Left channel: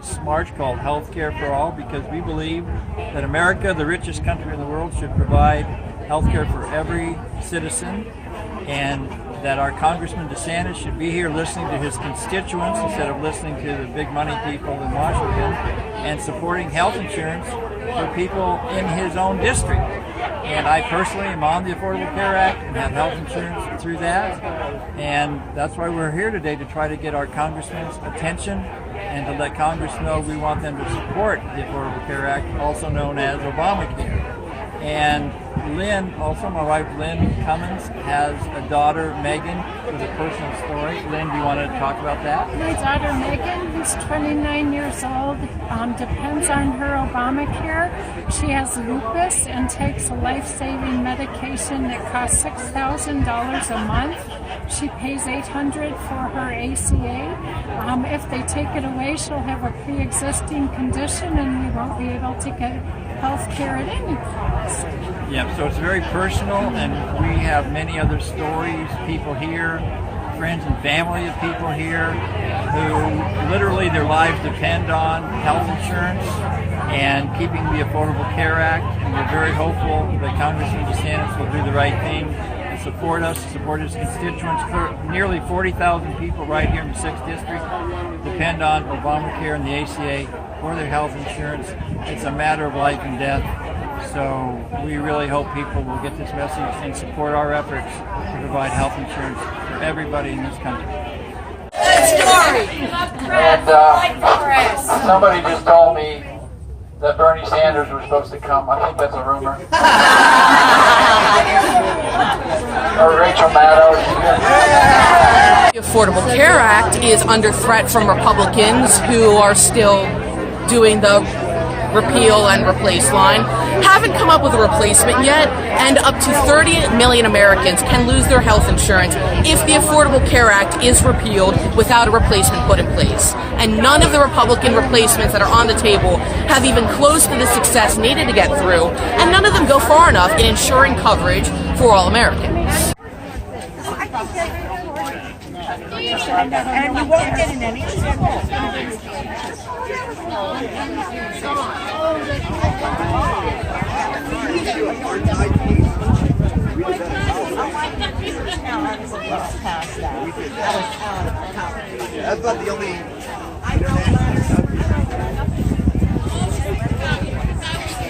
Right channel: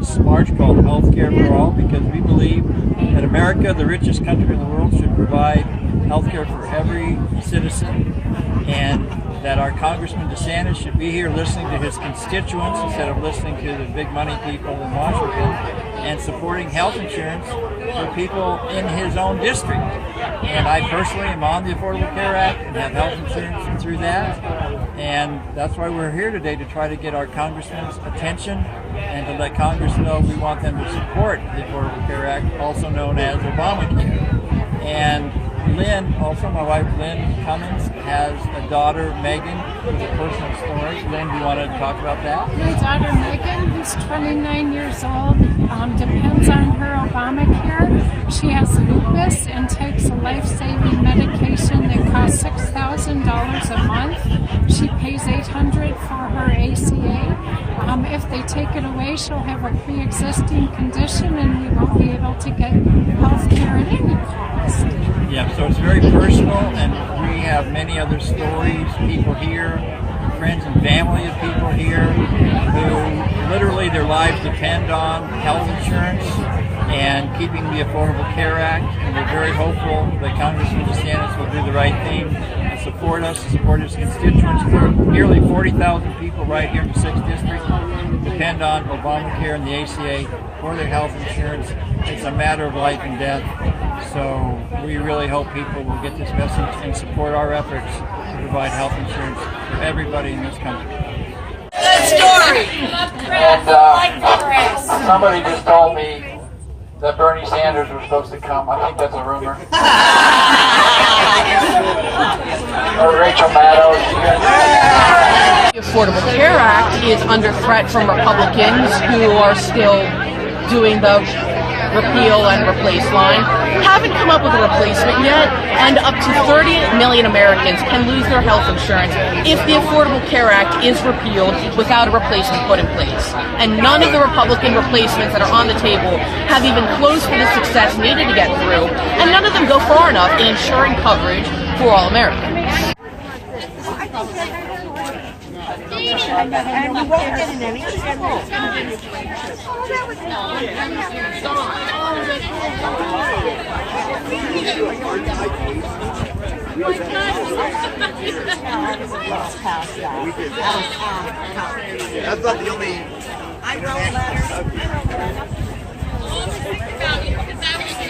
this march called Healthcare for All, because we believe that America, the richest country in the world, should provide healthcare for every citizen, and that our Congressman DeSantis should be here listening to his constituents instead of listening to the big money people in Washington, and supporting health insurance for people in his own district. And I personally am on the Affordable Care Act and have health insurance through that. And that's why we're here today, to try to get our congressman's attention and to let Congress know we want them to support the Affordable Care Act, also known as Obamacare. And Lynn, also my wife Lynn Cummins, has a daughter, Megan, with a personal story. Lynn, do you want to talk about that? My daughter Megan, who's 29 years old, depends on her Obamacare. She has lupus and takes a life-saving medication that costs $6,000 a month. She pays $800 for her ACA. If they take it away, she'll have a pre-existing condition and we won't be able to get health care at any cost. Yeah, so it's very personal, and we have many other stories, people here, friends and family of people here who literally their lives depend on health insurance and keeping the Affordable Care Act. And we're very hopeful that Congressman DeSantis will do the right thing and support us, support his constituents. Nearly 40,000 people right here in the 6th District depend on Obamacare and the ACA for their health insurance. It's a matter of life and death. So we really hope people will get this message and support our efforts to provide health insurance for everybody in this country. Good story. And somebody just told me that Bernie Sanders was supposed to come. I think that's a rumor. Or Rachel Maddow. The Affordable Care Act is under threat from Republicans who are still doing the repeal and replace line, haven't come up with a replacement yet, and up to 30 million Americans can lose their health insurance if the Affordable Care Act is repealed without a replacement put in place. And none of the Republican replacements that are on the table have even close to the success needed to get through, and none of them go far enough in ensuring coverage for all Americans. That's not the only.